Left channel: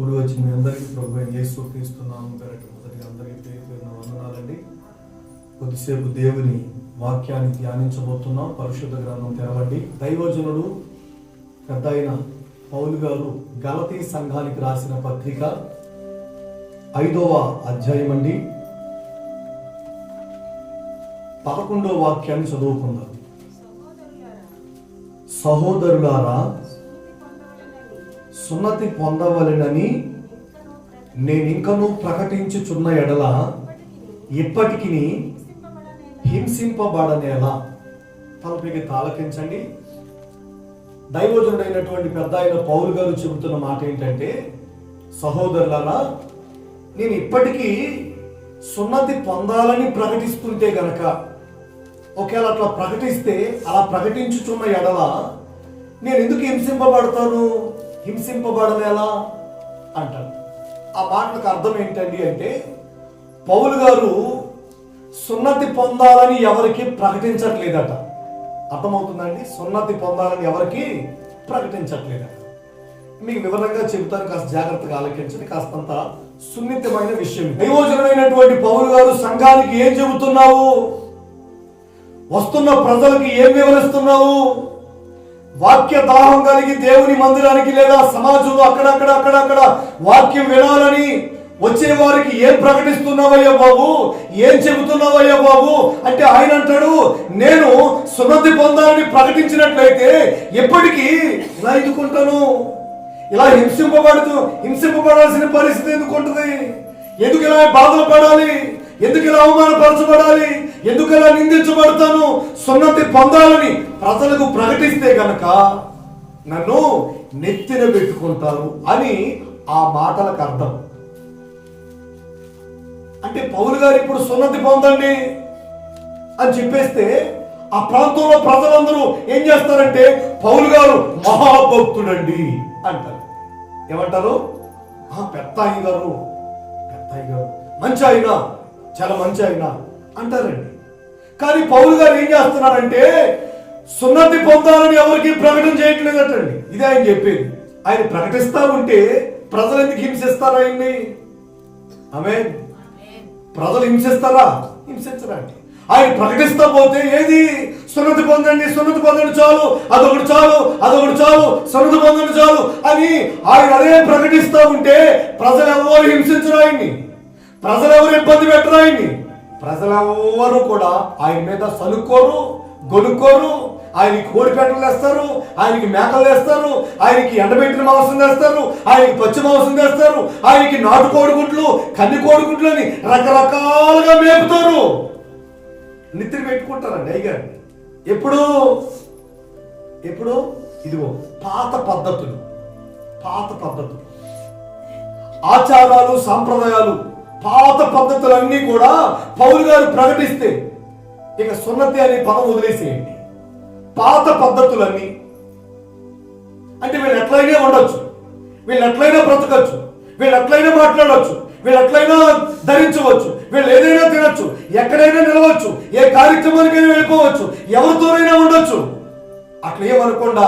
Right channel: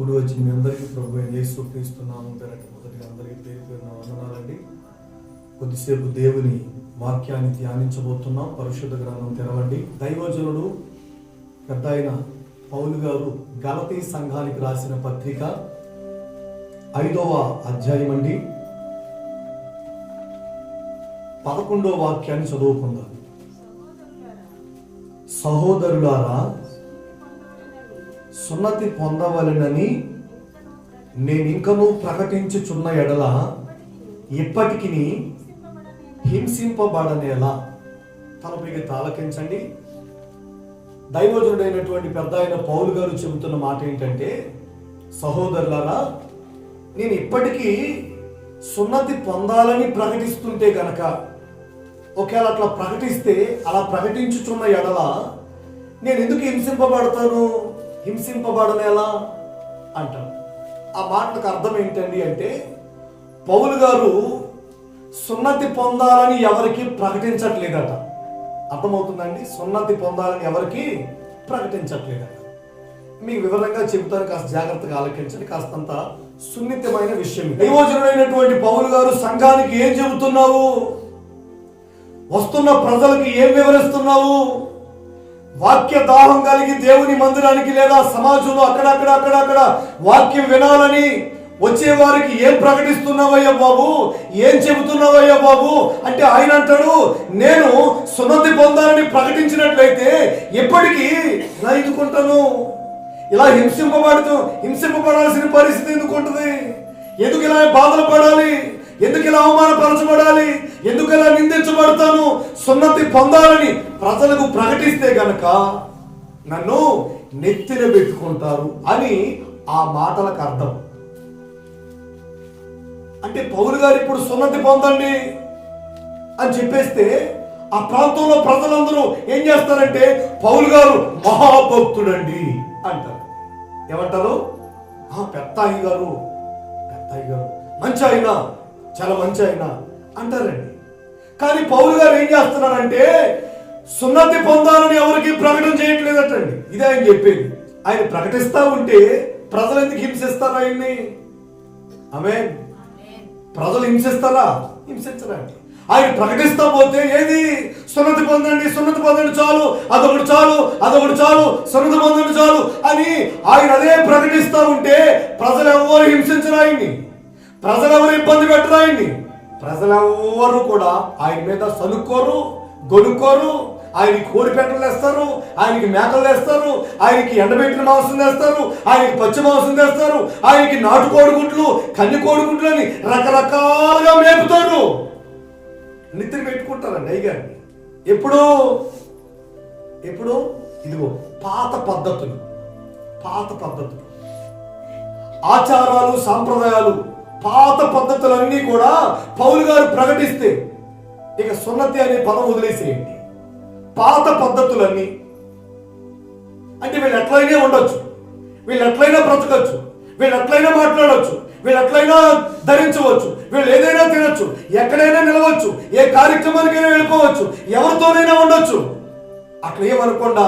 కూడి వచ్చి మీ అందరికీ ప్రభువైన యేసు క్రీస్తు నామం పేరట మొదటిగా అందరికీ పేరు పేరున వందనాలండి. కొద్దిసేపు దేవుని వాక్యాన్ని ధ్యానించబోతున్నాం. పరిశుద్ధ గ్రంథం తెరవండి. దైవజనుడు పెద్ద అయిన పౌలు గారు గలతీ సంఘానికి రాసిన పత్రిక 5వ అధ్యాయం అండి, 11వ వాక్యాన్ని చదువుకుందాం. సహోదరులారా, సున్నతి పొందవలెనని నేనింకనూ ప్రకటించుచున్న ఎడల ఇప్పటికి హింసింపబడనేలా. తలపైకి తాలకించండి. దైవజనుడైనటువంటి పెద్ద అయిన పౌలు గారు చెబుతున్న మాట ఏంటంటే, సహోదరులారా, నేను ఇప్పటికీ సున్నతి పొందాలని ప్రకటిస్తుంటే గనక, ఒకవేళ అట్లా ప్రకటిస్తే, అలా ప్రకటించుచున్న ఎడల నేను ఎందుకు హింసింపబడతాను? హింసింపబడనేలా అంటారు. ఆ మాటలకు అర్థం ఏంటండి అంటే, పౌలు గారు సున్నతి పొందాలని ఎవరికి ప్రకటించట్లేదట. అర్థమవుతుందండి? సున్నతి పొందాలని ఎవరికి ప్రకటించట్లేదట. మీకు వివరంగా చెబుతాను, కాస్త జాగ్రత్తగా ఆలకించండి. కాస్తంత సున్నితమైన విషయం. దైవజనుడైనటువంటి పౌలు గారు సంఘానికి ఏం చెబుతున్నావు? వస్తున్న ప్రజలకి ఏం వివరిస్తున్నావు? వాక్య దాహం కలిగి దేవుని మందిరానికి లేదా సమాజంలో అక్కడక్కడ వాక్యం వినాలని వచ్చే వారికి ఏం ప్రకటిస్తున్నావయ్యా బాబు, ఏం చెబుతున్నావయ్యా బాబు అంటే, ఆయన అంటాడు, నేను సున్నతి పొందాలని ప్రకటించినట్లయితే ఎప్పటికీ ఇలా ఎందుకుంటాను? ఇలా హింసింపబడాల్సిన పరిస్థితి ఎందుకు ఉంటుంది? ఎందుకు ఇలా బాధలు పడాలి? ఎందుకు ఇలా అవమానపరచబడాలి? ఎందుకు ఇలా నిందించబడతాను? సున్నతి పొందాలని ప్రజలకు ప్రకటిస్తే గనక నన్ను నెత్తిన పెట్టుకుంటారు అని ఆ మాటలకు అర్థం. అంటే పౌలు గారు ఇప్పుడు సున్నతి పొందండి అని చెప్పేస్తే ఆ ప్రాంతంలో ప్రజలందరూ ఏం చేస్తారంటే, పౌలు గారు మహాభక్తుడండి అంటారు. ఏమంటారు? పెద్ద అయ్య గారు మంచి ఆయన, చాలా మంచి ఆయన అంటారండి. కానీ పౌలు గారు ఏం చేస్తున్నారంటే, సున్నతి పొందాలని ఎవరికి ప్రకటన చేయట్లేదటండి. ఇదే ఆయన చెప్పేది. ఆయన ప్రకటిస్తా ఉంటే ప్రజలు ఎందుకు హింసిస్తారు ఆయన్ని? ఆమేన్. ప్రజలు హింసిస్తారా? హింసించరండి. ఆయన ప్రకటిస్తా పోతే ఏది? సున్నతి పొందండి చాలు, అదొకటి చాలు, సున్నతి పొందండి చాలు అని ఆయన అదే ప్రకటిస్తా ఉంటే ప్రజలు ఎవరు హింసించరు ఆయన్ని, ప్రజలు ఎవరు ఇబ్బంది పెట్టరు ఆయన్ని. ప్రజలెవ్వరు కూడా ఆయన మీద సనుక్కోరు, గొనుక్కోరు. ఆయనకి కోడిపేటలు వేస్తారు, ఆయనకి మేకలు వేస్తారు, ఆయనకి ఎండబెట్టిన మాంసం వేస్తారు, ఆయనకి పచ్చి మాంసం వేస్తారు, ఆయనకి నాటు కోడిగుడ్లు, కన్ని కోడిగుడ్లు అని రకరకాలుగా మేపుతారు. నిద్ర పెట్టుకుంటారండి అయ్యగారిని. ఎప్పుడు ఇదిగో పాత పద్ధతులు, ఆచారాలు, సాంప్రదాయాలు, పాత పద్ధతులన్నీ కూడా పౌలు గారు ప్రకటిస్తే ఇక సున్నతి అనే పదం వదిలేసేయండి. పాత పద్ధతులన్నీ అంటే వీళ్ళు ఎట్లయినా ఉండొచ్చు, వీళ్ళు ఎట్లయినా బ్రతకచ్చు, వీళ్ళు ఎట్లయినా మాట్లాడవచ్చు, వీళ్ళు ఎట్లయినా ధరించవచ్చు, వీళ్ళు ఏదైనా తినొచ్చు, ఎక్కడైనా నిలవచ్చు, ఏ కార్యక్రమానికైనా వెళ్ళిపోవచ్చు, ఎవరితోనైనా ఉండొచ్చు. అట్లా ఏమనకుండా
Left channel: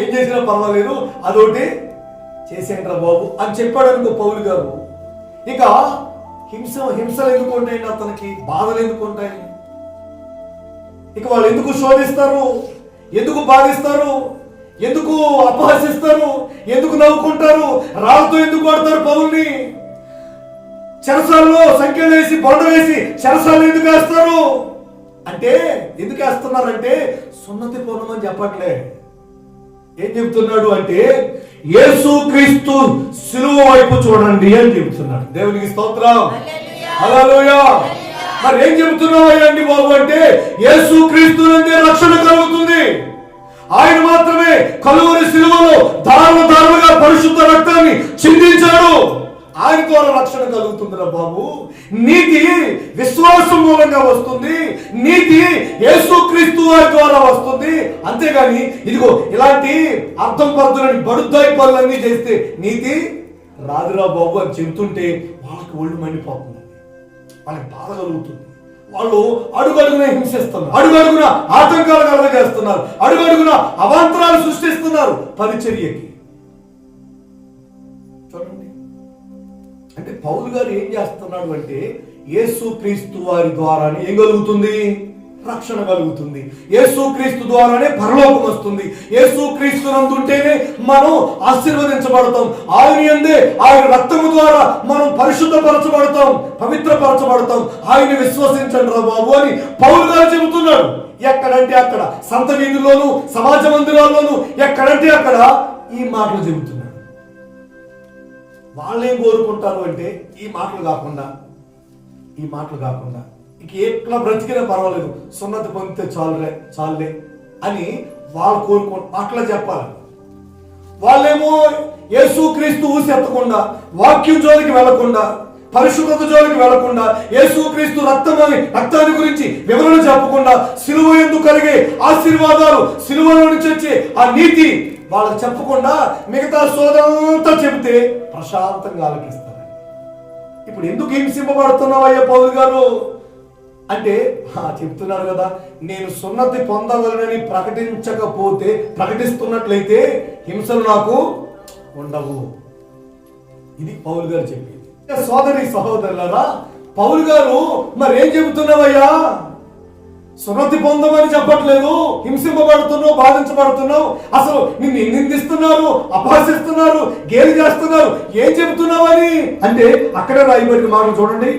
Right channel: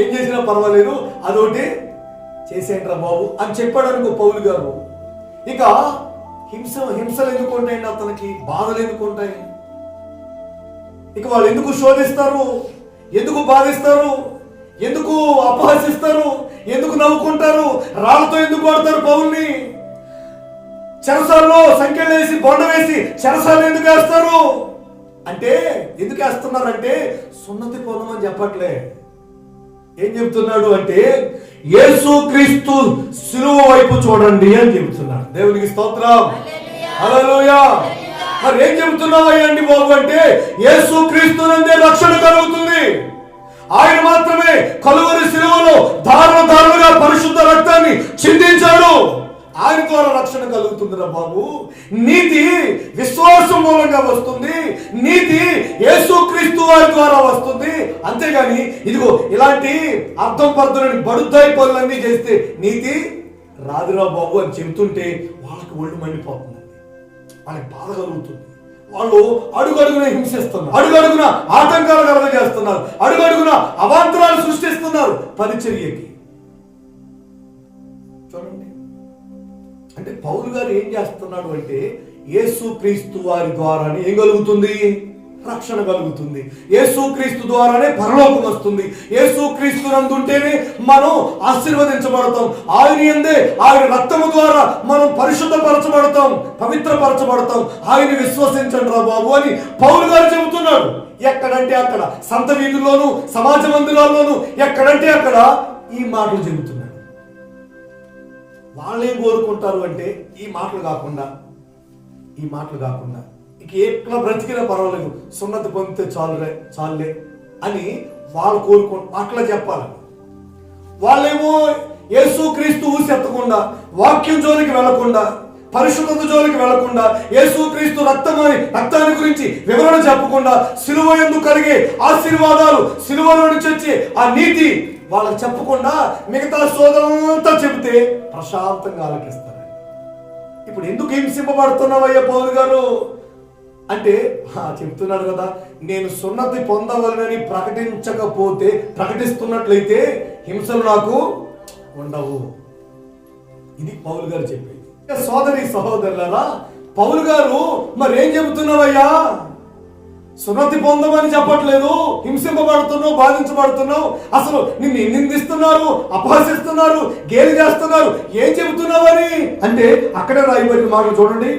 ఏం చేసినా పర్వాలేదు, అదొకటి చేసేయండి రా బాబు అని చెప్పాడు అనుకో పౌలు గారు. ఇక హింసలు ఎందుకు ఉంటాయండి? అతనికి బాధలు ఎందుకు ఉంటాయి? ఇక వాళ్ళు ఎందుకు శోధిస్తారు, ఎందుకు బాధిస్తారు, ఎందుకు అపహసిస్తారు, ఎందుకు నవ్వుకుంటారు, రాళ్ళతో ఎందుకు కొడతారు పౌల్ని? చెరసాల్లో సంఖ్యలు వేసి బొండ వేసి చెరసాలు ఎందుకు వేస్తారు అంటే, ఎందుకు వేస్తున్నారంటే సున్నతి పొందమని చెప్పట్లే. ఏం చెబుతున్నాడు అంటే, యేసు క్రీస్తు శిలువ వైపు చూడండి అని చెబుతున్నాడు. దేవునికి స్తోత్రం, హల్లెలూయా. మరి ఏం చెబుతున్నావయ్యండి బాబు అంటే, యేసు క్రీస్తునందే రక్షణ కలుగుతుంది. ఆయన మాత్రమే కలువరి శిలువలో దారులుగా పరిశుద్ధ రక్తాన్ని చిందించాడు. ఆయన ద్వారా రక్షణ కలుగుతుందిరా బాబు. నీతి విశ్వాసం మూలంగా వస్తుంది, నీతి యేసుక్రీస్తు వారి ద్వారా వస్తుంది. అంతేగాని ఇదిగో ఇలాంటి అర్థం పద్ధతులని బడుద్దాయి పనులన్నీ చేస్తే నీతి రాదురా బాబు అని చెబుతుంటే వాళ్ళకి ఒళ్ళు మండిపోతుంది, వాళ్ళకి బాధ కలుగుతుంది. వాళ్ళు అడుగడుగున హింసిస్తున్నారు, అడుగడుగున ఆటంకాలు కలగజేస్తున్నారు, అడుగడుగున అవాంతరాలు సృష్టిస్తున్నారు పరిచర్యకి. చూడండి, అంటే పౌలు గారు ఏం చేస్తున్నాడు అంటే యేసుక్రీస్తు వారి ద్వారానే ఏం కలుగుతుంది? రక్షణ కలుగుతుంది. యేసుక్రీస్తు ద్వారానే పరలోకం వస్తుంది. యేసుక్రీస్తు నందుంటేనే మనం ఆశీర్వదించబడతాం. ఆయన యందే, ఆయన రక్తము ద్వారా మనం పరిశుద్ధపరచబడతాం, పవిత్రపరచబడతాం. ఆయన విశ్వసించండి రా బాబు అని పౌలు గారు చెబుతున్నాడు. ఎక్కడంటే అక్కడ, సంత వీధుల్లోనూ, సమాజ మందిరాల్లోనూ, ఎక్కడంటే అక్కడ ఈ మాటలు చెబుతున్నాడు. వాళ్ళేం కోరుకుంటారు అంటే ఈ మాటలు కాకుండా ఇక ఎట్లా బ్రతికినా పర్వాలేదు, సున్నతి పొందితే చాలులే అని వాళ్ళు అట్లా చెప్పాలి. వాళ్ళేమో యేసుక్రీస్తు ఊసి ఎత్తకుండా, వాక్యం జోలికి వెళ్లకుండా, పరిశుద్ధత జోలికి వెళ్లకుండా, యేసుక్రీస్తు రక్తాన్ని గురించి వివరణ చెప్పకుండా, సిలువ యందు కలిగే ఆశీర్వాదాలు, సిలువ నుంచి వచ్చే ఆ నీతి వాళ్ళకి చెప్పకుండా మిగతా సోదంతా చెబితే ప్రశాంతంగా ఆలకిస్తారు. ఇప్పుడు ఎందుకు హింసింపబడుతున్నావయ్యా పౌలు గారు అంటే చెప్తున్నారు కదా, నేను సున్నతి పొందవలనని ప్రకటిస్తున్నట్లయితే హింసలు నాకు ఉండవు. ఇది పౌలు గారు చెప్పేది. సోదరి సహోదరులారా, పౌలు గారు మరేం చెబుతున్నావయ్యా? సున్నతి పొందమని చెప్పట్లేదు, హింసింపబడుతున్నావు, బాధించబడుతున్నావు, అసలు నిన్ను నిందిస్తున్నారు, అపహసిస్తున్నారు, గేలి చేస్తున్నారు, ఏం చెబుతున్నావని అంటే అక్కడే రాయబడిన మాట చూడండి,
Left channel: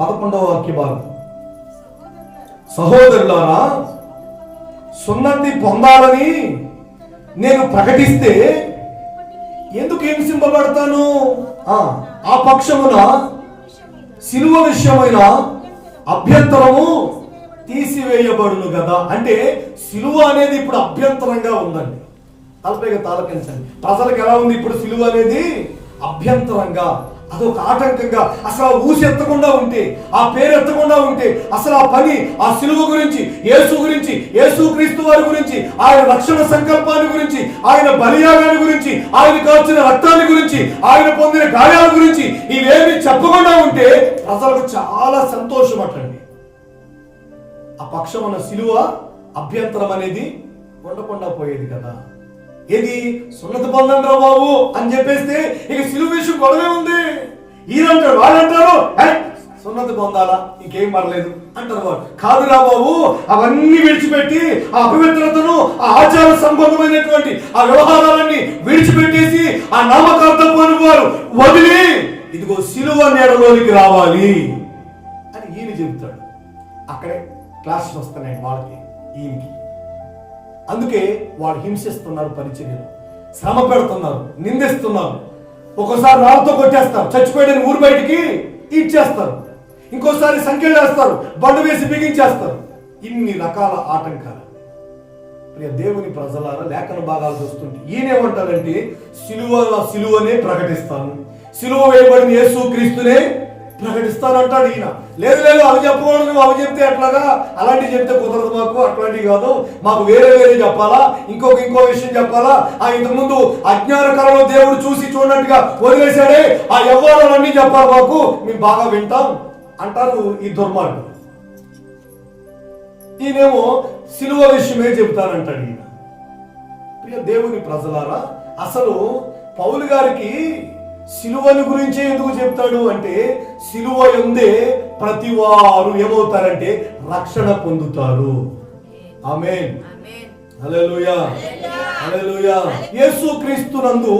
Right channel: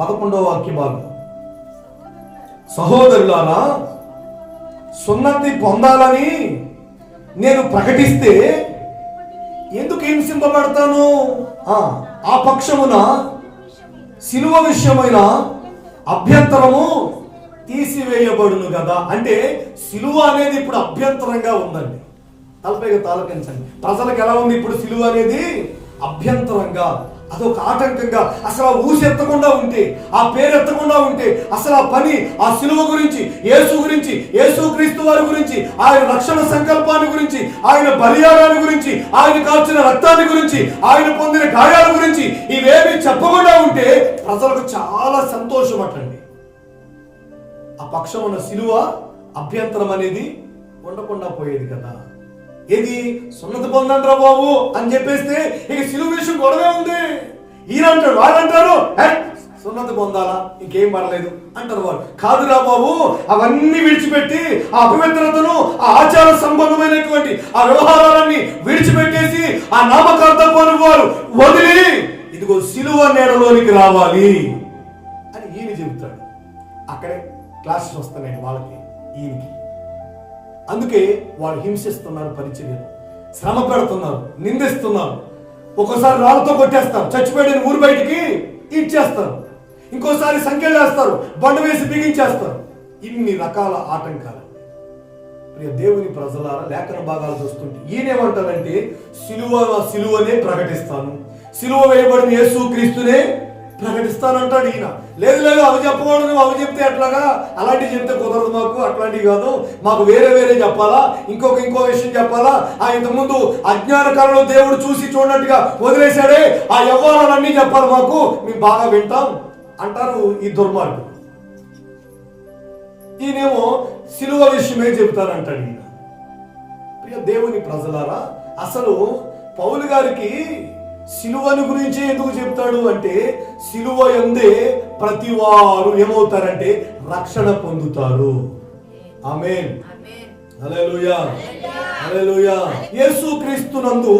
11వ వాక్య భాగం. సహోదరులారా, సున్నతి పొందాలని నేను ప్రకటిస్తే ఎందుకు హింసింపబడతాను? ఆ పక్షమున సిలువ విషయమైన అభ్యంతరము తీసివేయబడును కదా. అంటే సిలువ అనేది ఇప్పుడు అభ్యంతరంగా ఉందండి. తలపైగా తాలకించండి. ప్రజలకు ఎలా ఉంది ఇప్పుడు సిలువ అనేది? అభ్యంతరంగా, అదొక ఆటంకంగా. అసలు ఆ ఊసి ఎత్తకుండా ఉంటే, ఆ పేరు ఎత్తకుండా ఉంటే, అసలు ఆ పని, ఆ సిలువ గురించి, యేసు గురించి, యేసుక్రీస్తు వారి గురించి, ఆయన రక్షణ సంకల్పాన్ని గురించి, ఆయన బలియాగాన్ని గురించి, ఆయన కాచిన రక్తాన్ని గురించి, ఆయన పొందిన గాయాల గురించి ఇవేమి చెప్పకుండా ఉంటే ప్రజలకు చాలా సంతోషం అటండి. ఆ పక్షమున సిలువ అభ్యంతరం అనేది ఉండకుండా పోయేది కదా. ఏది? సున్నతి పొందండి రా బాబు అని చెప్పేస్తే ఇక సిలువ విషయం గొడవే ఉంది. ఈయనంటారు, వాళ్ళంటారు సున్నతి పొందాలా, ఇంకేం పడలేదు అంటారు. వారు కాదురా బాబు, అవన్నీ విడిచిపెట్టి ఆ అపవిత్రతను, ఆ ఆచార సంబంధమైనటువంటి ఆ వ్యవహారాలన్నీ విడిచిపెట్టేసి ఆ నామకార్థపాన్ని వారు వదిలి ఇదిగో సిలువ నీడలోనికి రావాలి అని ఈయన చెబుతాడు. అక్కడే క్లాసెస్ వస్తున్నాయి వాళ్ళకి, ఈయనకి. అందుకే వాడు హింసిస్తున్నారు, పరిచర్యలు శ్రమ పెడుతున్నారు, నిందిస్తున్నారు. ఒక్కోసారి రాళ్ళతో కొట్టేస్తారు, చచ్చిపోయిన ఊరు బయటికి ఇచ్చేస్తారు, ఇంకోసారి సంఖ్యలు వేస్తారు, బండు వేసి బిగించేస్తారు. ఇన్ని రకాల ఆటంకాలు. ప్రియ దేవుని ప్రజలారా, లేఖన భాగాలు చూస్తుంటే ఈయనేమంటారంటే సిలువనే ప్రకటిస్తాను, సిలువ వేయబడిన యేసుక్రీస్తునే ప్రకటిస్తానంటాడు ఈయన. లేదు అవి చెప్పకూడదు, నువ్వు అవి చెప్తే ఎట్లాగా, అలాంటివి చెప్తే కుదరదు, మాకు అట్లాంటివి కాదు, మాకు వేరే చెప్పాలా, ఇంకో విషయం చెప్పాలా. ఇంతకుముందు అజ్ఞాన కాలంలో దేవుడు చూసి చూడనట్టుగా వదిలేశాడే, ఆ వ్యవహారాలన్నీ చెప్పాలి మాకు, మేము బాగా వింటాం అంటారు ఈ దుర్మార్గులు. ఈయనేమో సిలువ విషయమే చెబుతానంటాడు ఈయన. ప్రియ దేవుని ప్రజలారా, అసలు పౌలు గారికి సిలువని గురించి ఎందుకు చెప్తాడు అంటే, సిలువ యందే ప్రతి వారు ఏమవుతారంటే రక్షణ పొందుతారు. ఆమేన్, హల్లెలూయా, హల్లెలూయా. యేసుక్రీస్తునందు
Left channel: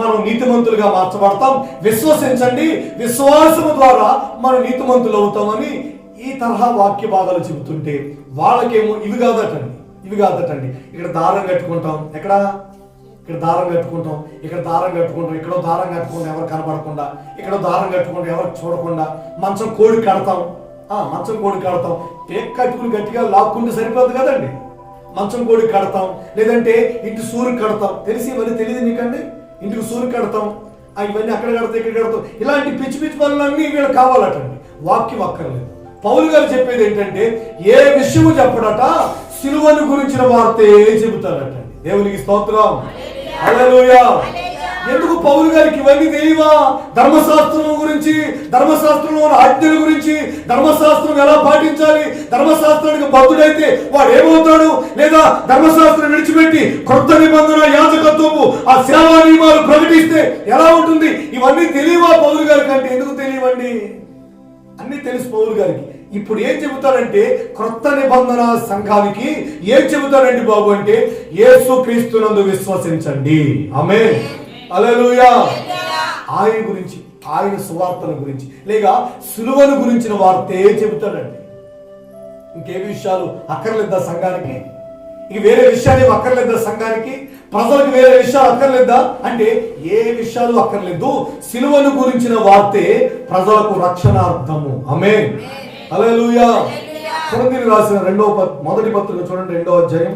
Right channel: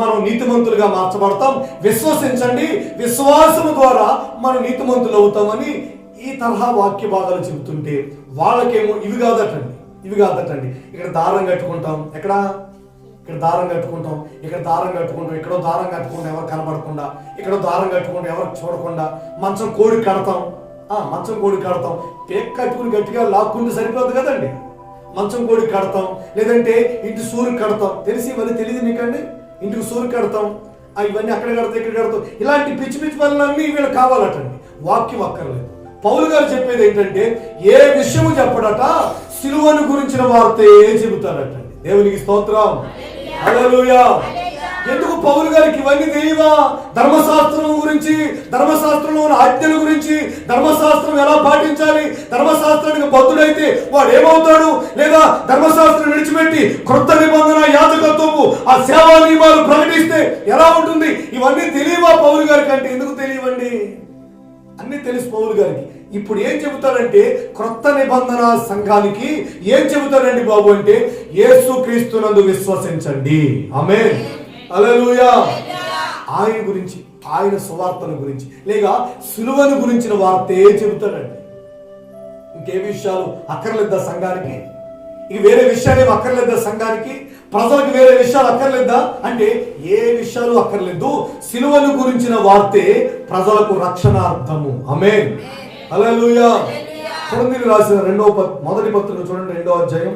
మనం నీతిమంతులుగా మార్చబడతాం. విశ్వసించండి, విశ్వాసం ద్వారా మనం నీతిమంతులు అవుతామని ఈ తరహా వాక్య భాగాలు చెబుతుంటే వాళ్ళకేమో ఇవి కాదటండి. ఇక్కడ దారం కట్టుకుంటాం, ఇక్కడ దారం కట్టుకుంటాం, ఇక్కడ దారం కట్టుకుంటాం, ఇక్కడో దారం కట్టుకుంటాం ఎవరు కనబడకుండా, ఇక్కడో దారం కట్టుకుంటాం ఎవరు చూడకుండా, మంచం కోడి కడతాం, పేక్ కట్టుకుని గట్టిగా లాక్కుంటే సరిపోదు కదండి. మంచం కోడి కడతాం, లేదంటే ఇంటి సూర్యుడు కడతాం. ఇవన్నీ తెలియదు మీకండి? ఇంటికి సూర్యుడు కడతాం, ఇవన్నీ అక్కడ కడతాం, ఇక్కడ కడతాం. ఇలాంటి పిచ్చి పనులన్నీ వీళ్ళు కావాలటండి. వాక్యం అక్కర్లేదు. పౌలు గారు చెప్పేది ఏంటంటే, ఏ విషయము చెప్పడట, సిలువను గురించిన వార్తే చెబుతారటండి. దేవునికి స్తోత్రం, హల్లెలూయా. ఎందుకు పౌలు గారికి ఇవన్నీ తెలియవా? ధర్మశాస్త్రం గురించి, ధర్మశాస్త్రంలో ఉన్న ఆజ్ఞల గురించి, ధర్మశాస్త్రం ఎలా పాటించాలి, ధర్మశాస్త్రానికి బద్ధుడైతే వాడు ఏమవుతాడు, లేదా ధర్మశాస్త్రం విడిచిపెట్టి క్రొత్త నిబంధన యాజకత్వము ఆ సేవా నియమాలు ప్రకటిస్తే ఎలా ఉంటుంది? ఇవన్నీ తెలియవా పౌలు గారికి అంటే? ఎందుకు తెలియవండి? అన్ని తెలుసు పౌలు గారికి. ఇప్పుడు ఏం చెబుతారంటే క్రొత్త నిబంధన సంఘానికి ఏం చెబుతారండి బాబు అంటే, యేసుక్రీస్తునందు విశ్వసించండి. ఆమేన్, హల్లెలూయా. ఆయన గురించి, ఆయన సువార్తల గురించి, లేక సిలువను గురించిన వార్తే చెబుతాడండి. ఇంకే విషయాలు అక్కర్లేదా సంఘానికి? ఇక వేరే విషయాలు అక్కర్లేదా సంఘానికి? ప్రజలకు వేరే విషయాలు అక్కర్లేదా అంటే ఏ విషయాలు అక్కర్లేదు. సిలువను గురించిన వార్తే ప్రజలకు రక్షణార్థము. ఆమేన్, హల్లెలూయా. కొరింథీయులకు రాసిన మొదటి పత్రిక చూడండి, 2వ అధ్యాయం.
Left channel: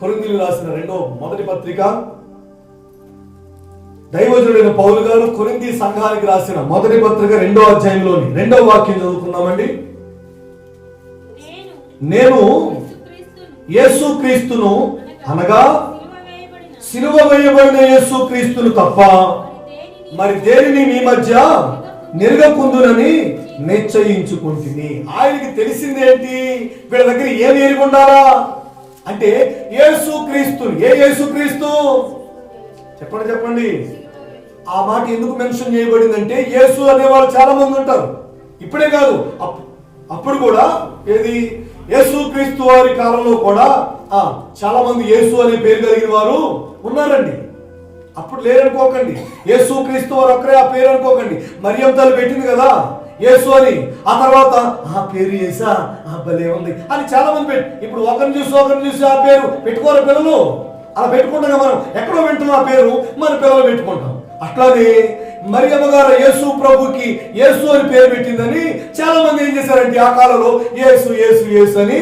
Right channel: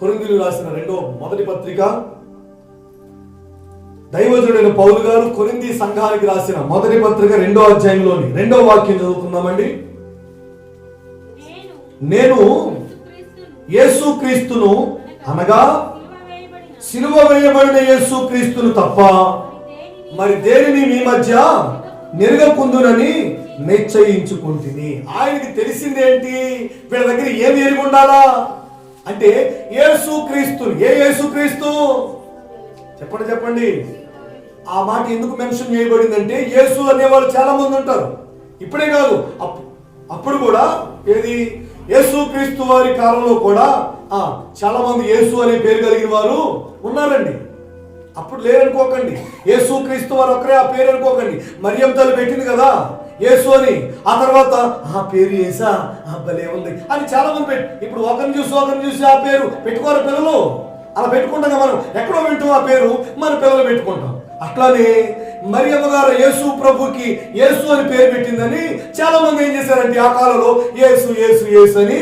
కొరింథీయులకు రాసిన మొదటి పత్రిక, దైవజనుడైన పౌలు గారు కొరింథీ సంఘానికి రాసిన మొదటి పత్రిక 2వ అధ్యాయంలోని 2వ వాక్యం చదువుకుందామండి. నేను యేసుక్రీస్తును అనగా సిలువ వేయబడిన యేసుక్రీస్తును తప్ప మరి దేనిని మీ మధ్య నిరగకుందునని నిశ్చయించుకుంటుని. ఆయనకి తెలిసిందేంటి? వీళ్ళ దగ్గర ఏమి ఎరిగి ఉండాలా అంటే యేసుక్రీస్తుని. ఏ యేసుక్రీస్తు? చెప్పండి. ఆ మాట ఎందుకు మెన్షన్ చేయబడిందంటే యేసు అనేవాళ్ళు చాలా మంది ఉంటారు. ఇప్పుడే కాదు, అప్పుడు కూడా ఏది యేసుక్రీస్తు వారి కాలంలో కూడా చాలా మంది యేసు అనే పేరు కలిగిన వారు ఉన్నారండి. అప్పుడు లేరనుకోకండి. యేసుక్రీస్తు వారు ఒక్కరే ఆ పేరు అనుకోకండి. మరియమ్మ తల్లి పెట్టింది కదా యేసు అని, ఆ తర్వాత ఆ పేరు యేసా, భలే ఉంది అని చాలా మంది ఇప్పుడు ఒకరిని చూసి ఆ పేరు పెట్టుకోరు పిల్లలు. అలా పెట్టుకుంటాం మనం, ఎక్కడో వింటాం ఆ పేరు, మన పిల్లలు పెట్టుకుంటాం. అట్లానే మరియమ్మ గారు యేసు ప్రభుకి యేసు అని పేరు పెట్టిందని చాలా మంది ఏం చేశారంటే ఆ కాలంలో యేసు యేసు యేసు అని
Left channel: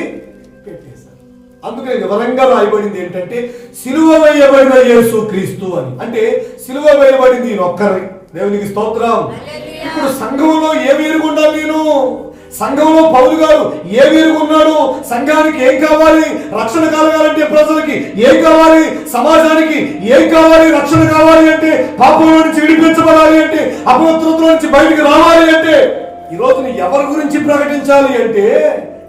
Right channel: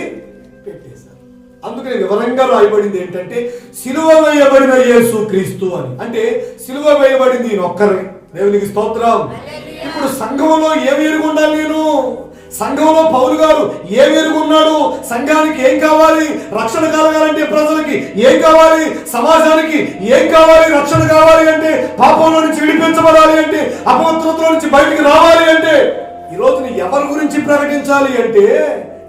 పెట్టేశారు. అందుకని వివరంగా రాయబడింది ఏంటంటే సిలువ వేయబడిన యేసుక్రీస్తు అని. అంటే సిలువ వేయబడింది ఒక్కరే. దేవునికి స్తోత్రం. ఇప్పుడు సంఘంలో ఏ వేరుగా ఉండాలి? నేను సంఘంలో పౌలు గారు ఏ వేరుగా ఉన్నాడు? సంఘానికి ఏం కావాలి? రక్షణ కలగాలంటే ప్రజలకి ఏం కావాలి? సమాజానికి ఏం కావాలి? రక్షణ కావాలి అంటే, పాపంలో నుంచి విడిపించబడాలి అంటే, అపవిత్రతల నుంచి బయటికి రావాలి అంటే, ఈ రోజున ఎవరి గురించి ప్రకటించాలి అంటే,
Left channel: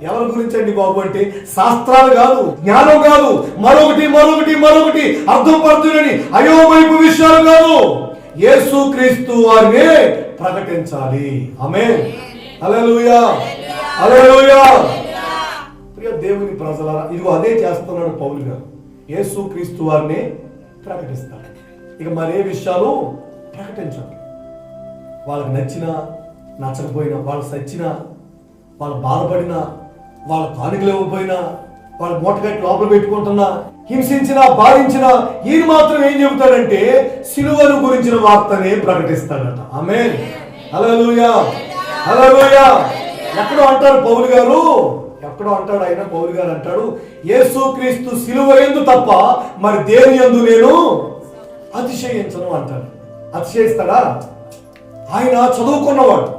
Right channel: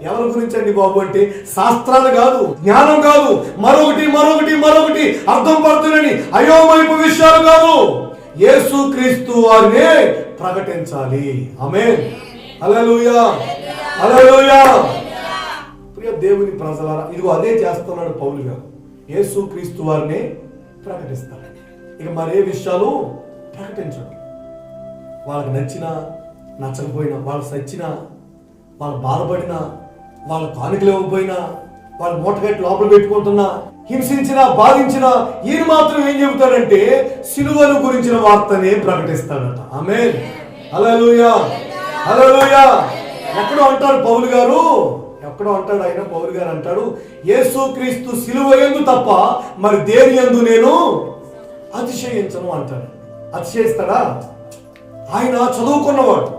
ఎవరి గురించి అండి బాబు అంటే శాస్త్రాలు కాదు, జ్ఞానం కాదు, మరొకటి అర్థం పడుతుందని అయోమయపు విషయాలు కాదు, యేసుక్రీస్తు వారిని ప్రకటించాలి. ఆమేన్, హల్లెలూయా, హల్లెలూయా. ప్రియ దేవుని ప్రజలారా, ఇదిగో అదే చేస్తున్నాడు పౌలు గారు. యేసుక్రీస్తు వారిని ప్రకటిస్తాడు. ఇక మరే విషయాలు ప్రకటించడు. వాళ్ళకి నచ్చినా నచ్చకపోయినా, వాళ్ళు సచ్చినా, వాళ్ళు బాధపడినా, వాళ్ళ కానుకలు ఇవ్వకపోయినా, వాళ్ళు మూటగట్టి లోపల పెట్టుకుంటున్నా, హింసించినా బాధించినా, ఈయన మాత్రం ఏం చెబుతాడంటే సిలువను గురించిన వార్తనే ప్రకటిస్తాడట. ఆమేన్, హల్లెలూయా, హల్లెలూయా. ఎక్కడో అంటాడు పౌలు గారు, ఆయన పౌలు గారు అంటాడు, యేసుక్రీస్తు సిలువ యందు తప్ప మరి దేని యందు నేను అతిశయించను అంటాడు. అతిశయిస్తాడా? ఆయన చదువుకున్నవాడు,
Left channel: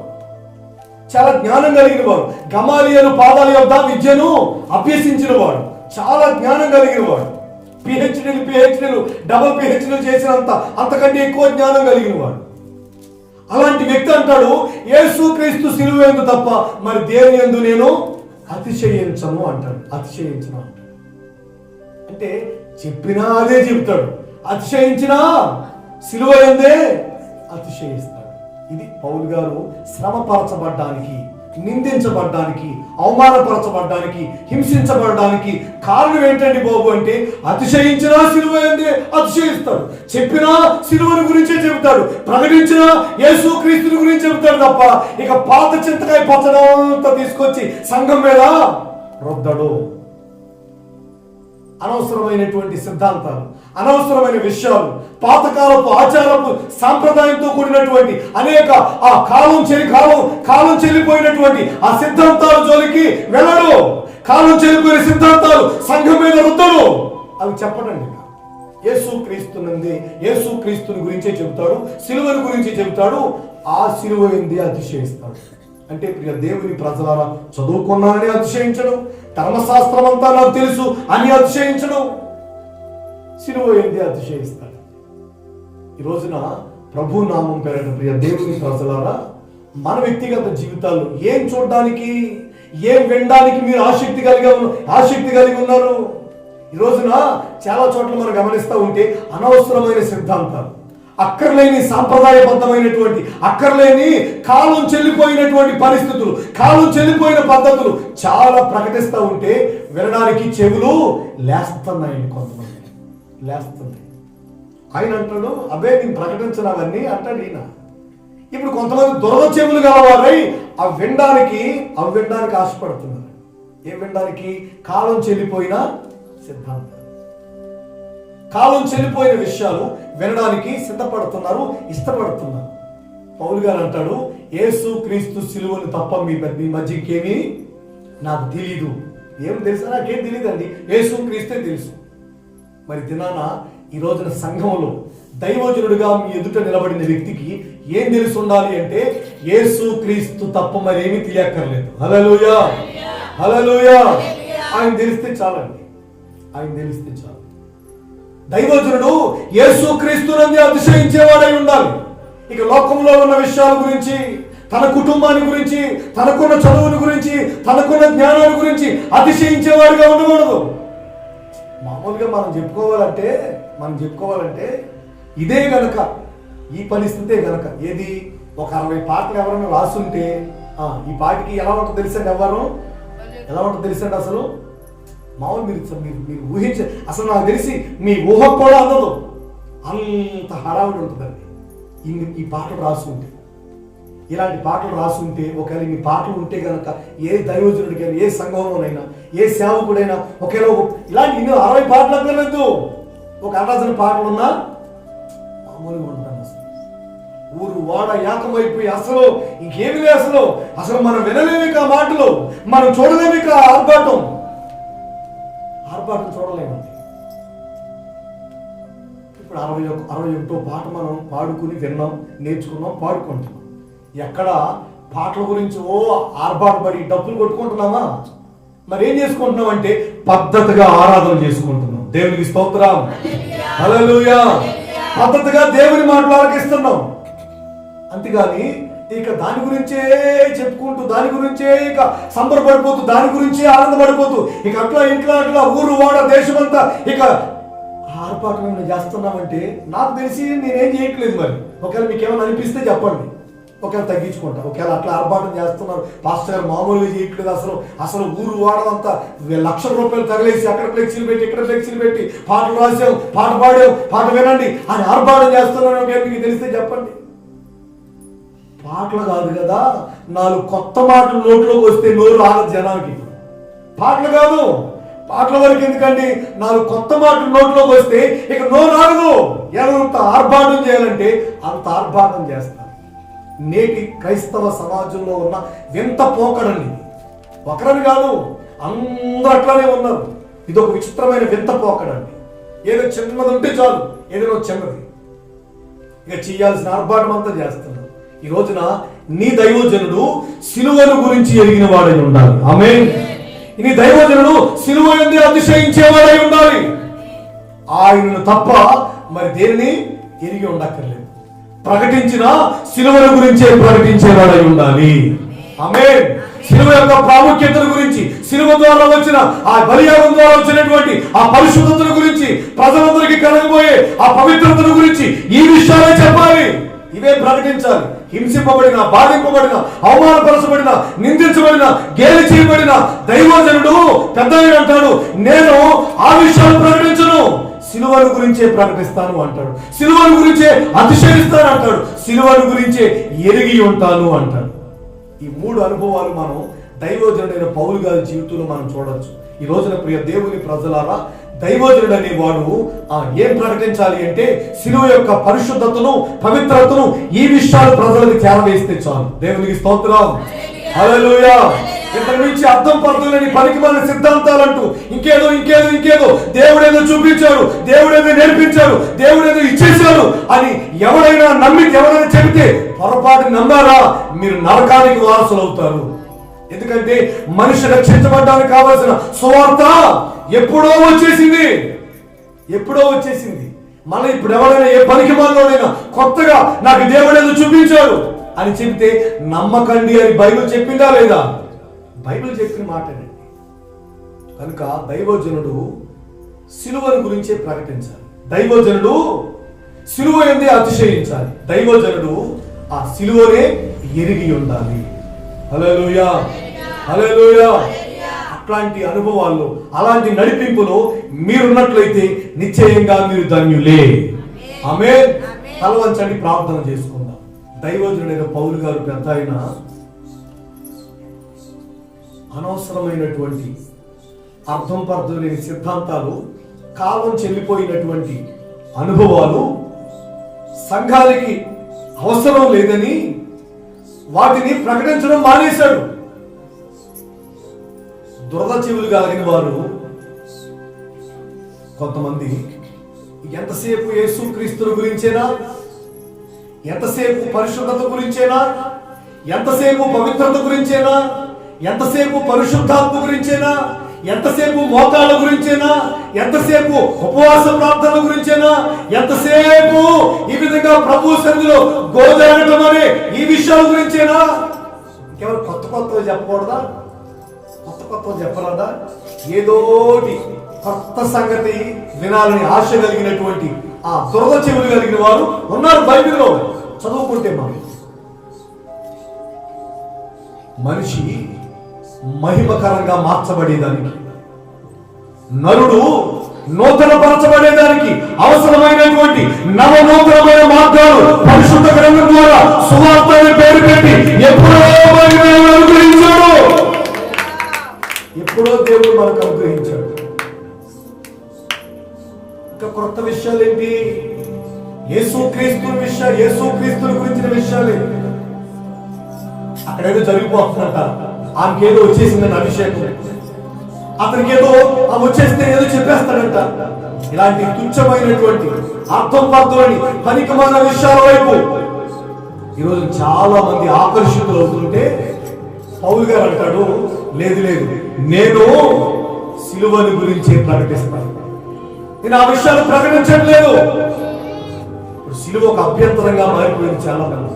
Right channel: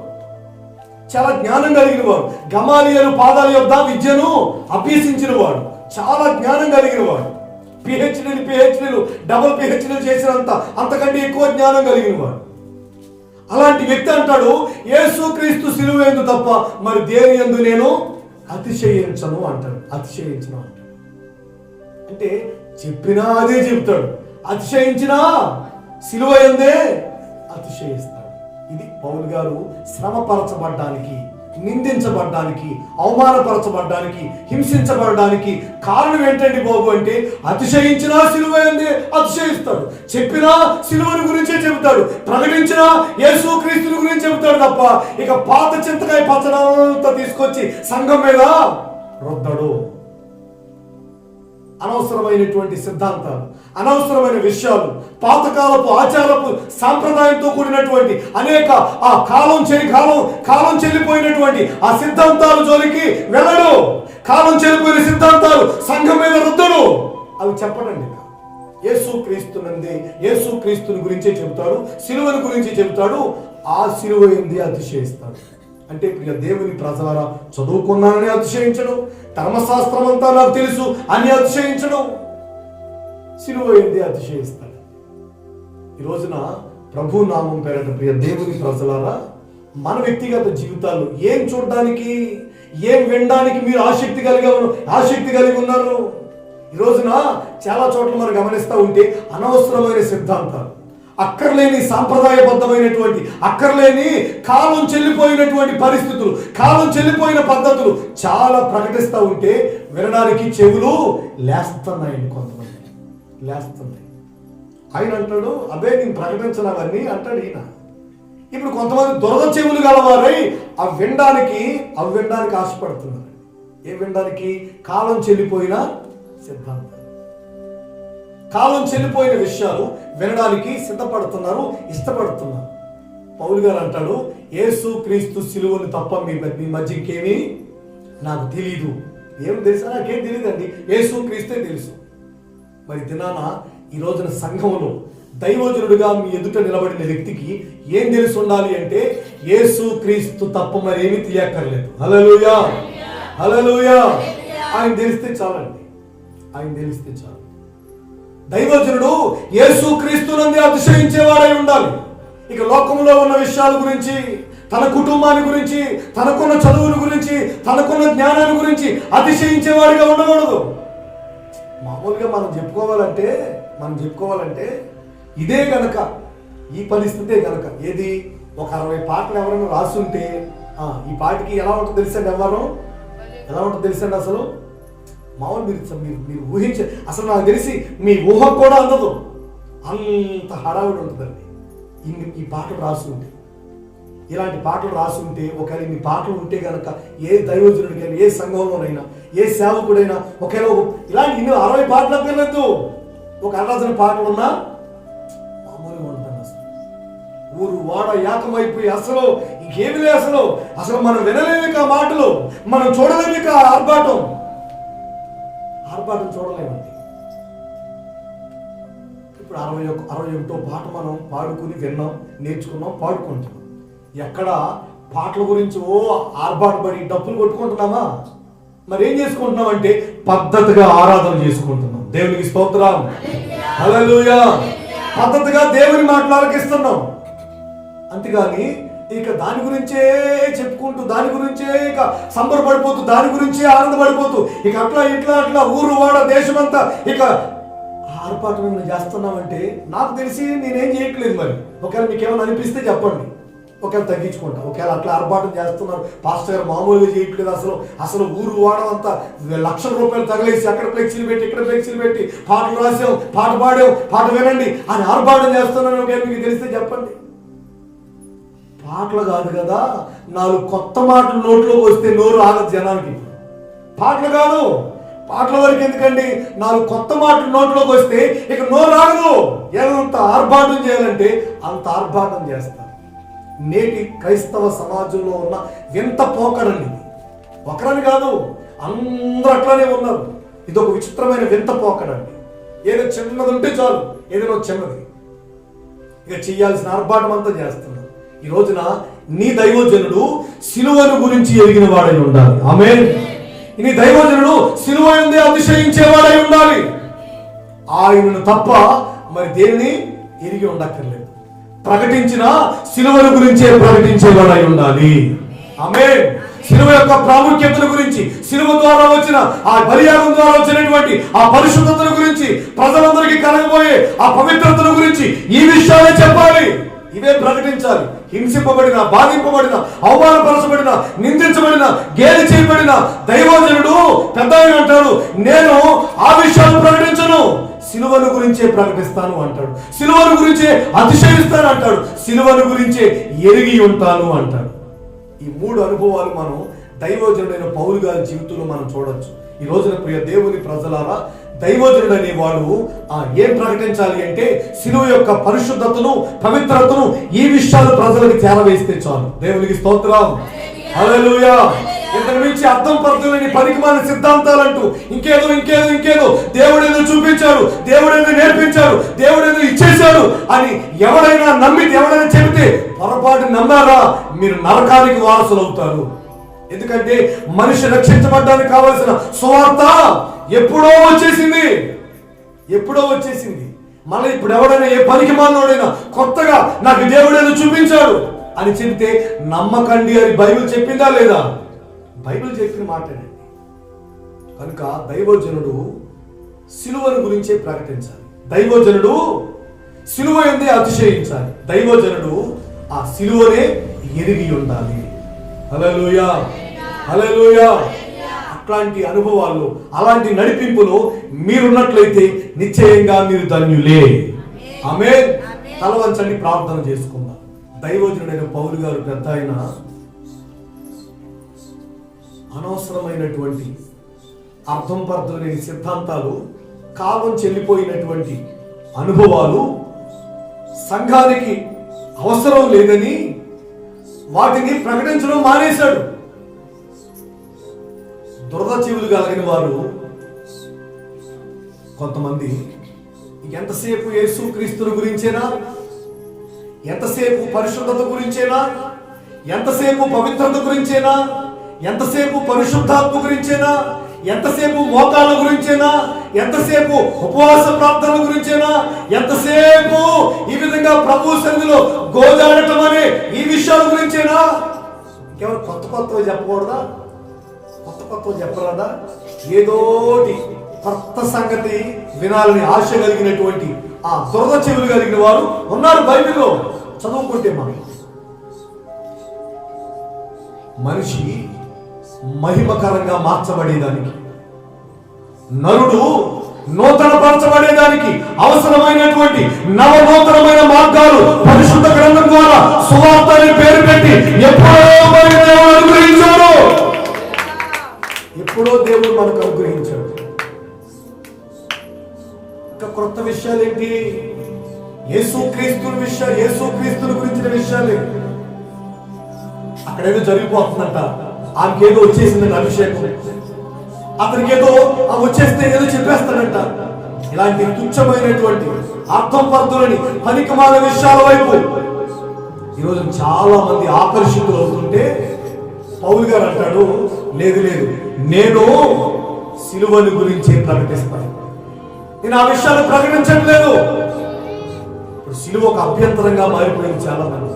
చాలా జ్ఞానం కలిగిన వాడు, గమాలియలు పాదాల యొద్ద విద్యను అభ్యసించిన వాడు, చాలా జ్ఞానం కలిగిన వాడు, పిహెచ్డీలు డబుల్ పిహెచ్డీలు చేసినంత అంతకంటే ఎక్కువ జ్ఞానం కలిగిన వాడు. అలాంటి వ్యక్తి అంటాడు యేసుక్రీస్తు సిలువ యందు తప్ప మరి దేని యందు నేను అతిశయించను అంటాడు. అతిశయించను అంటాడు అంటే చెప్పినా అదే చెప్తాడు, అతిశయించినా సిలువ యందే అతిశయిస్తాడు. ఇది పౌలు గారు శ్రమపరచబడ్డానికి, నిందించబడ్డానికి, అవమానపరచబడ్డానికి, హింసించబడడానికి కారణం ఏంటండి బాబు అంటే అతిశయించినా సిలువ యందే అతిశయిస్తాడు. చెప్పినా సిలువను గురించే చెబుతాడు, ప్రకటించినా యేసుక్రీస్తుని గురించి చెబుతాడు తప్ప ఇక పాత చింతకాయ పచ్చడంతా తీసుకొచ్చి సంఘం మీద రుద్దడు. అనవసరమైనటువంటి సిద్ధాంతాలు, అనవసరమైన విషయాలు, పాతకాలపు ఆచారపు సాంప్రదాయంతో కూడినటువంటి అనేక ఆ కాలం చెల్లిపోయినటువంటి ఆ సిద్ధాంతాల జోలికి వెళ్ళడు. కాలం చెల్లిపోయిన సిద్ధాంతాలు సంఘం మీద రుద్దడు. అవి చెప్పడండి. యేసుక్రీస్తుని గురించే చెబుతాడు, సిలువను గురించి చెబుతాడు. ఆ సిలువ యందు అతిశయిస్తాడు. అంటే ప్రియ దేవుని ప్రజలారా, చదువుకున్నానని అతిశయించడం, ధర్మశాస్త్రం అంతా నాకు తెలుసు అని అతిశయించడం, సిలువ యందు అతిశయిస్తాడు. ఈ రోజున ప్రభు నామం పేరట ప్రియ దేవుని ప్రజలారా, మన వ్యక్తిగత జీవితాల్లో ఏం చూడడానికి, ఏం వినడానికి మీరు ఆసక్తి కలిగి ఉన్నారు? ఈ రోజున చాలా చోట్ల మనం గమనిస్తూ ఉంటే అనవసరమైన సిద్ధాంతాలు, అక్కర్లేని సాంప్రదాయబద్ధమైనటువంటి, అక్కర్లేని కాలం చెల్లిపోయినటువంటి పరిస్థితులు, కాలం చెల్లిపోయిన పద్ధతులు చాలా ప్రకటిస్తూ ఉంటే వినడానికి చెవులు లేస్తున్నాయండి. కొంతమంది లేస్తున్నాయి. ఆయన అంటాడు, అదే నేను ప్రకటించినవన్నీ అంటాడు ఈయన. ఇప్పుడు కొంతమంది దురద చెవులు గలవారై అవి వినడానికి ఆశపడుతున్నారు. ఏం వినడానికి? కాలం చెల్లిపోయిన సిద్ధాంతం, కాలం చెల్లిపోయిన విషయాలు వినడానికి సిద్ధపడుతున్నారు, ఇష్టపడుతున్నారు. పౌలు గారు అంటాడు, యేసు క్రీస్తు సిలువను తప్ప మీ మధ్య ఇంకేమీ నాకు తెలీదు. ఏం తెలుసా? నాకేం తెలియదండి, యేసు క్రీస్తే తెలుసు. మరి దినాన ఈ రోజున సంఘంలో దైవజనుడిగా మీ ఎదుట నిలబడిన వ్యక్తికి ఏం తెలిసి ఉండాలి అంటే, యేసు క్రీస్తు తప్ప మరేమీ తెలియక్కర్లేదు. హల్లెలూయా, హల్లెలూయా. ఆయన తెలిస్తే చాలండి, ఆయన తెలిస్తే చాలు. దైవజనుడు యేసు క్రీస్తునందు అతిశయించేవాడై ఉండాలి. ఇక లోకంలో ఉన్న విషయాల గురించి, తన కుటుంబాన్ని గురించి, తనకున్న చదువుల గురించి, తనకున్న జ్ఞానాన్ని గురించి అతిశయించేవాడిగా ఉండకూడదు. మామూలుగా మనం చెప్పుకోవాలంటే ఇదే గనక, ఈ పరిస్థితే గనక, ఏది ఒక 60 పాటలు ఎవరైనా రాసుంటే ఈ పాటకి ఎలా ఉంటుందో తెలుసండి? ఎలా ఉంటుందో తెలుసండి? అసలు మామూలు మీరు ఊహించే, అసలు నాకు తెలిసి మీ ఊహ కూడా అందదు, అంత హడావిడి ఉంటుందండి ఈ పాటలు రాసి ఉంటే. ఇలాంటి పాటలు రాసి ఉంటే, ఒకవేళ మీ పాటలు ఉంటే కనుక ఏ దైవజనుడికైనా, ఏ సంఘంలోనైనా, ఏ సేవకుడైనా ఒకవేళ ఇలాంటి 60 పాటలు అక్కర్లేదు, ఒక ఆరాధన పాటలు ఉన్నా మామూలుగా ఉంటాను. ఊరు వాడ ఏకమైపోయి అసలు ఇంకేమి లేదు, అసలు మనం వినలేమిక మాటలు, మనం చూడలేమిక ఆర్భాటం చూడలేమండి. ఇప్పుడు 61వ పాట మనం పాడుకుని విన్నాం, నేర్చుకున్నాం, పాడుకుంటాం. ఎక్కడ పాటల గురించి ఆర్భాటపడి డబ్బులు కొట్టుకుంటున్నామా? మరి ఏం చేసుకుంటున్నాం అంటే పద్ధతిగా ఆరాధన చేసుకుంటున్నాం. దేవునికి స్తోత్రం, హల్లెలూయా. పద్ధతిగా దేవుని మాటలు ఆలకిస్తున్నాం. అంతేగాని ఇక దాని గురించే చెప్పుకుంటూ, దాని గురించే ఇక సంబరపడిపోతూ, దాని గురించే ఆనందపడిపోతూ, ఇక అట్లా ఊరు వాడ దేశమంతా ఇక ఆర్భాటం ఏమైనా చేస్తున్నామంటే నాకు తెలిసి నేనేం చేయట్లేదు. మరి ఒకవేళ మీకు ఏమైనా అనిపిస్తే చెప్పండి, ఒకవేళ తగ్గించుకుంటా. ఒకవేళ అట్లా ఆర్భాటం చేస్తున్నారు, పాస్టర్ గారు మామూలుగా చేయట్లేదు, అసలు ఊరు వాడమంతా లక్షల రూపాయలు తగిలేసి అక్కడ ఫ్లెక్సీలు పెట్టి, ఇక్కడ ఫ్లెక్సీలు పెట్టి, పాటలు రాసాం, పాట పాడాం, పాట వినండి అని ఆర్భాటం చేస్తున్నాను. ఒకవేళ మీకు తెలిస్తే చెప్పండి. పాటలు కాదు కదా, 4 కొత్త మాటలు నోట్లోకి వస్తే నోరు ఆగదు జనానికి. పాటలు కాదు, పాటల వరకు ఎందుకండి, 4 కొత్త మాటలు నోట్లోకి వస్తే ఇక నోరు ఆగదు. ఎంత ఆర్భాటం చేయాలంటే అంత ఆర్భాటం చేస్తారు. నేటి క్రైస్తవ సమాజంలో ఉన్న వింత పోకడండి. ఒకరని కాదు, అందరూ అట్లానే ఉన్నారు. ఇది ఒక విచిత్రమైన వింత పోకడండి. ఏదో చిన్నది ఉంటే చాలు, ఏదైనా చిన్నది ఇక చేయాల్సిన ఆర్భాటం అంతా చేస్తున్నారు. ఈ రోజున నీ దైవజనుడు సిలువను గురించి ఎరిగిన వాడై ఉండాలి. ఆమేన్. నీ దైవజనుడు సిలువ యందు అతిశయించేవాడై ఉండాలి. ఆయనను తప్ప మరి దేనిని ఎరిగి ఉండక్కర్లేదు. ప్రకటించిన సిలువల గురించే ప్రకటించేవాడై ఉండాలి. ఆమేన్. సిలువ యొక్క ప్రాముఖ్యతను గురించి, సిలువ ద్వారా వచ్చిన ఆ బలియాగం ద్వారా వచ్చినటువంటి ఆ పరిశుద్ధతను గురించి, ప్రజలందరికీ కలగబోయే ఆ పవిత్రతను గురించి ఈ విషయాలే చెప్పాలి, ఇవే ప్రకటించాలి. హింసింపబడిన, బాధింపబడిన, అవమానపరచబడిన, నిందించబడిన, గేలి చేయబడిన దైవజనుడు పెద్ద అంటాడు, నేను ఆ విషయాలు ప్రకటించను, సిలువను గురించే ప్రకటిస్తాను అంటాడు. సిలువను గురించే అతిశయిస్తాను అంటాడు. సిలువను గురించే ఎరిగి ఉంటాను అంటాడు. ఈ 3 అనుభవాలు మనం దైవజనుడైన పౌలు గారి జీవితంలో మనం చూడొచ్చు. ఈ రోజున ప్రియ దేవుని ప్రజలారా, దైవజనుడు అనేవాడు ఏం ప్రకటించాలి అంటే సిలువ యొక్క పరిశుద్ధతను, పవిత్రతను, ఈ విషయాలు ప్రజలకు చేరవేస్తే చాలు. దేవునికి స్తోత్రం, హల్లెలూయా. ఇంతకు మించి అర్థం పడుతున్న పనికిమాలిన సిద్ధాంతాలంటూ ఇంకేదో దేవుడేదో చూపించాడు, దేవుడేదో నేర్పించాడు, దేవుడేదో ఇచ్చేశాడు అని ఎవరైనా చెబితే పొరపాటు నమ్మారా, మీరు నరకానికి వారసులు అవుతారు. ఎందుకంటే మనిషి రక్షించబడ్డానికి కావాల్సిన సువార్త ఎప్పుడో వచ్చేసింది. మళ్ళీ ఇప్పుడు ఎవరైనా ఏ పనికి మాలోనైనా కొత్తగా నాకు దేవుడు ఏదో చూపించాడు అని చెప్తే నమ్మకండి అని బైబిల్ చెప్పిందా లేదా? బైబిల్ చెప్పిన మాటనే. కనుక దైవజనుడు సిలువను గురించే ప్రకటించాలి. దైవజనుడు సిలువ ఏంది అతిశయించాలి. దైవజనుడు ఆ సిలువనే ఎరిగి ఉండాలి. హల్లెలూయా, హల్లెలూయా. అట్లాంటి అనుభవాల్లో, అలాంటి నడిపింపులో మీరున్నట్లయితే నిశ్చయంగా మీరు ధన్యులే. ఆమేన్. తల వంచండి, ప్రార్థన చేసుకుందాం. దైవజనుడైన పౌలు గారు పెద్ద ఆయన అనవసరమైనటువంటి అర్థం పర్థం లేని సిద్ధాంతాలు, కాలం చెల్లిపోయినటువంటి అనుభవాలు సంఘానికి అవసరం లేదని వాటిని ప్రకటించడం మానేశాడు. దురద చెవులు కలిగిన వారు కొంతమంది ఎంతసేపు యేసుక్రీస్తుని గురించేనా, ఎంతసేపు పరిశుద్ధత గురించేనా, ఎంతసేపు పవిత్రత గురించేనా, ఎంతసేపు పరిశుద్ధాత్మ గురించేనా, ఎంతసేపు మోకాళ్ళ గురించేనా, ఎంతసేపు ఉపవాస ప్రార్థనల గురించేనా, ఎంతసేపు ఈ విధంగా ప్రభు సన్నిధిలో గోజాడటం అనే ఈ విషయాల గురించేనా? ఇంకెవరు కొత్త కొత్తగా చెప్పకూడదా? కొత్త కొత్తగా చెప్పరాదా? ఏదోటి కొత్త సంగతి వినాలని ఆశ కలిగినటువంటి ఆ దురద చెవులు కలిగిన వారు ఉన్నారు బైబిల్లో. చదువుకుంటే మనిషి మహిమకరంగా మార్చబడేదానికి, నరుడు నూతన పరచబడేదానికి అవసరమైనటువంటి నవనూతనమైన మార్గాలు పరిశుద్ధ గ్రంథం ద్వారా సువార్త అనే పేరు పెట్టి ఎప్పుడో దేవుడు మనకు అనుగ్రహించాడు. ఇంకా కొత్త విషయాలు ఏంటి? యేసుక్రీస్తుని గురించిన విషయాలే. అక్కడేదో జరిగిపోతుందంట, ఆమెకేదో వచ్చేసిందని అభిషేకం, అతనికి ఏదో వచ్చేస్తే ఏదో చెప్పేస్తాడంట. ఇలాంటి తుచ్చమైనటువంటి అర్థం పద్ధతులని పనికిమాల విషయాల వైపు ఈరోజు చాలా మంది ఆకర్షితులు అవుతుంటే పౌలు గారు అంటాడు, లేదు లేదు, నేను సిలువను గురించి ప్రకటిస్తాను, నేను ఆ విషయాలు ప్రకటించట్లేదు. సిలువ ఒక అభ్యంతరంగా మారిపోయింది. చాలా మంది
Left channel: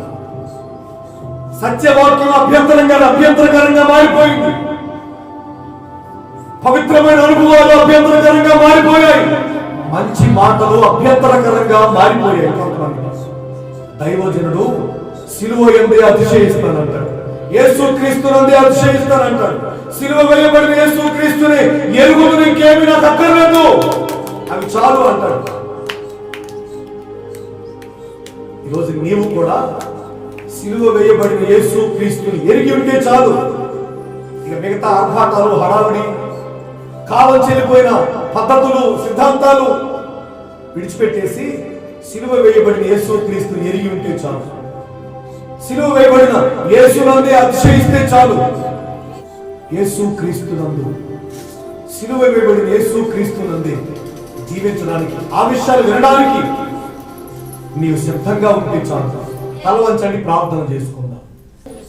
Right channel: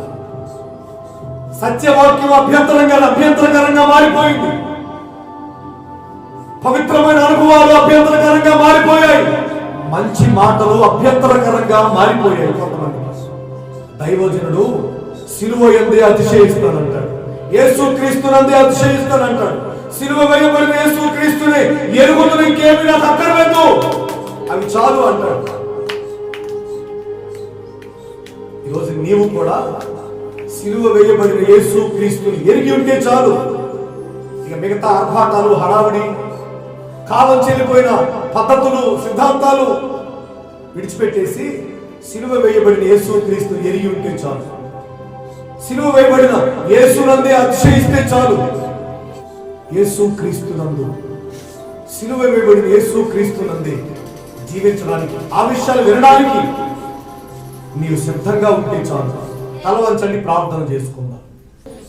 సత్యవాక్యం అభ్యంతరకరంగా మారిపోయింది. పవిత్రమైన అనుభవాలు అభ్యంతరకరంగా మారిపోయాయి. మంచి మాటలు అభ్యంతరకరంగా మారిపోయాయి కొంతమంది. దైవజనుడు సిలువ యందే అతిశయిస్తానంటాడు, యేసుక్రీస్తునందే అతిశయిస్తానంటాడు. సిలువ వేయబడిన యేసుక్రీస్తునే ఎరుగుతున్న ఇంకేమీ నాకు అక్కర్లేదు, అవి చాలు అంటాడు. ఈరోజు నీవు కూడా సిలువ వేయబడిన యేసుక్రీస్తుని ఎరిగి ఉంటే చాలు. ఇక మిగతా ఆర్భాటాలు, హడావుడి, కాలం చెల్లిపోయిన పద్ధతులు, సిద్ధాంతాలు విడిచిపెట్టేసి సిలువ వేయబడిన యేసుక్రీస్తుని ఎరిగి ఉంటే చాలు. సిలువ వేయబడిన యేసునందే అతిశయిస్తే చాలు. యేసుక్రీస్తునందు, సిలువ వేయబడిన యేసుక్రీస్తునందే జీవించడానికి, ఆ విషయాలు వినడానికి నీవు సిద్ధంగా ఉంటే చాలు. తల వంచండి, ప్రార్థన చేసుకుందాం.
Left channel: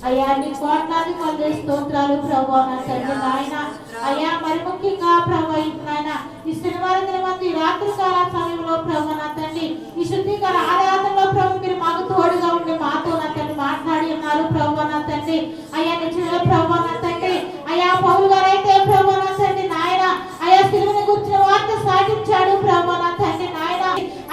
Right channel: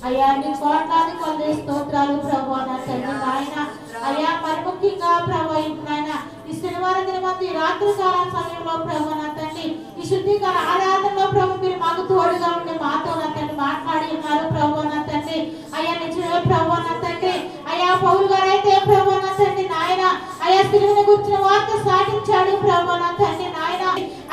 అయ్యా నీ కోట్లాది కొందరు స్తోత్రాలు ప్రభువా నా తండ్రి నాయన. అయ్యా మరి ముఖ్యంగా ప్రభువా నాయన ఈ శనివారం దినమందు ఈ రాత్రికాల సమయంలో ప్రభువా నా తండ్రి ఈ శుద్ధికర ఆరాధనలో ప్రభు మీరు మాకు తోడుగా ఉండి మాతో నా తండ్రి మాట్లాడి ఉన్నారు ప్రభువా నా తండ్రి. అయ్యా నిజంగా ప్రభువా నా తండ్రి, అయ్యా పౌలు గారు అయితే ప్రభువా నా తండ్రి నాయన అయ్యా సిలువను గురించిన వార్త సాటించాడు ప్రభువా నా తండ్రి నాయన.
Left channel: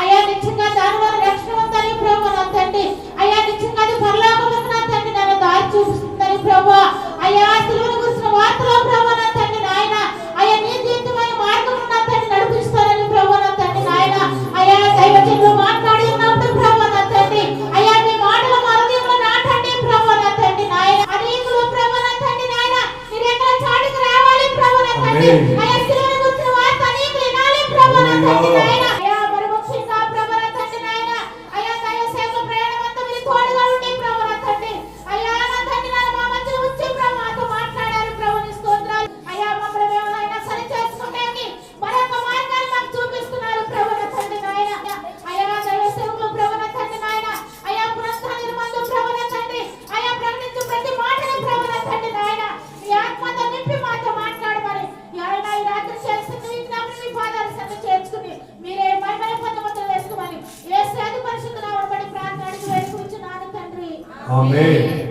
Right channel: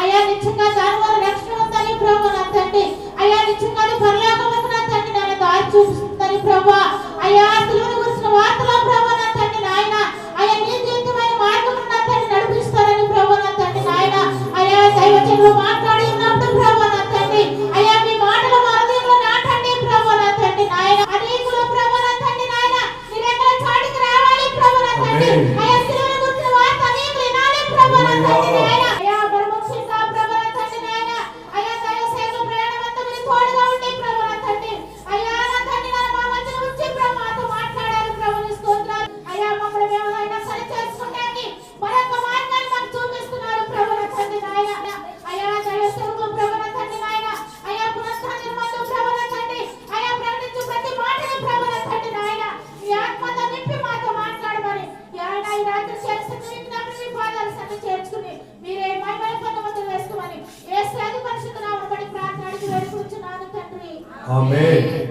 అయ్యా నిజంగా దాని వల్ల రక్షణ ఉందని ప్రభువా నా తండ్రి, అయ్యా నిజంగా పరలోకమునకు నా తండ్రి నన్ను దారి చూపిస్తుందని ప్రభువా. అయ్యా సిలువను గురించిన వార్తలో ప్రభువా నా తండ్రి నాయన అయ్యా నీతియుక్తమైన మార్గమును నా తండ్రి నడిపిస్తారని ప్రభువా నా తండ్రి నాయన. అయ్యా దైవజనులు మాట్లాడి ఉన్నప్పుడు ప్రభువా నా తండ్రి, అయ్యా మీ మాటలు మా హృదయంలో నాటండి ప్రభువా నా తండ్రి నాయన. అనేకులు ప్రభువా నా తండ్రి నాయన నీ రెక్కల చాటుకు రావాలి ప్రభువా నా తండ్రి. అయ్యా సిలువను గురించిన వార్త అనేకులు వినాలి ప్రభువా నా తండ్రి నాయన. అయ్యా పరిముఖ్యంగా ప్రభువా నా తండ్రి నాయన అయ్యా దైవ సేవ ప్రయాణం అంతా మీరు తోడుగా ఉండి ప్రభువా నా తండ్రి. అయ్యా నా తండ్రి నన్ను మా మధ్య ఉంచి ప్రభువా మాతో మాట్లాడారు ప్రభువా నీ స్తోత్రాలు. ఆమేన్.